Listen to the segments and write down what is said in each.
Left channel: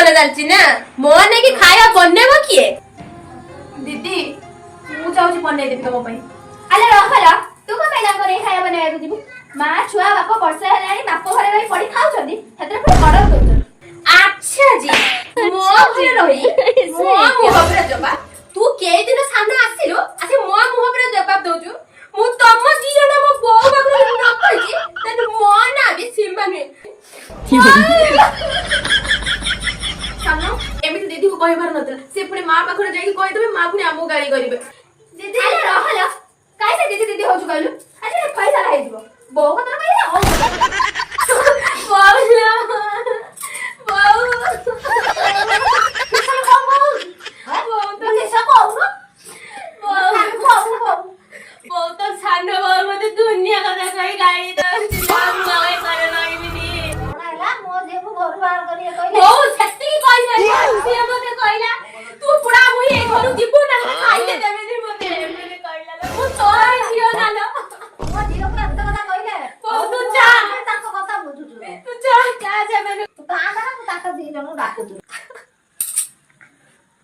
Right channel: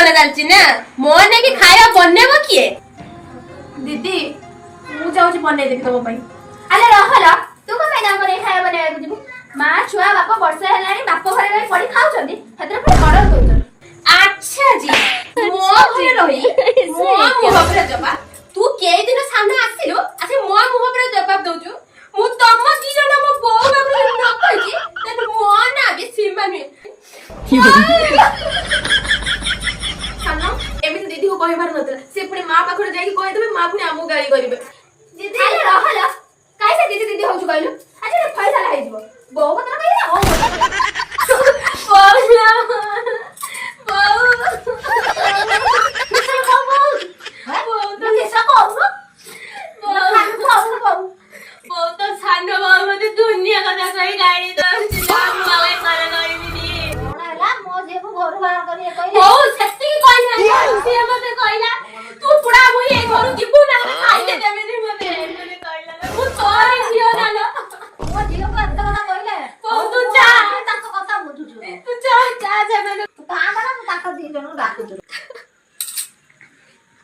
बना जालची ना मोने की खाया बनेबो किए दीदी मु जाउची बनै देबी तम पई अले रहला तू को मैना करे खाया बनाया को जीबू मां छुआ बापा वर्ष हेलानी बाप घरे रही पड़ी खाउछंदी हेतरे पुरा ऑर्डर करछन अच्छा जी मो घरे रही मो मुह पर जबा तू केई दिन सामने आसिलो आसे मो मुह पर जवाब दउछु मु तम दी जण मो बो बाबू न कहजी तने मो ना बे सीमा नु सामनो एमिति दीदी को कहिबार नतला से पुणी मां पाखरे जाई कहि देबे मां पुणी हमु गाली करिवे दीदी अरे रहला काई से दीदी दीदी होछु कहलु अरे पैसा लाई दिबो बो को त कहि हो बोला बहुत सानो बाबू मते दुनिया कथा कहि लाइ त मले करे नइनी नाला मो जेबु घर बाहर करिए ओ कहि सत्ती कहि ना से मते कहिला तू पुडा मुई ए घरु जिबु ना खाइले देबे नि मते कहिला मु तोरे जियो नालो मो जियो का त कथा कहिले ओ तू जा ताको कथा बुझुछु तू जा जेबे तू कहां गना तू ताको दी जनो डाकुछु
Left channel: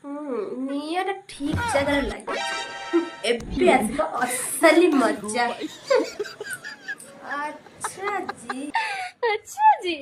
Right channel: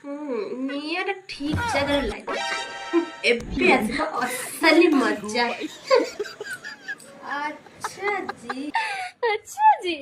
नियर ठीक जगह लागे एबे आसबो असली मजा अच्छा जी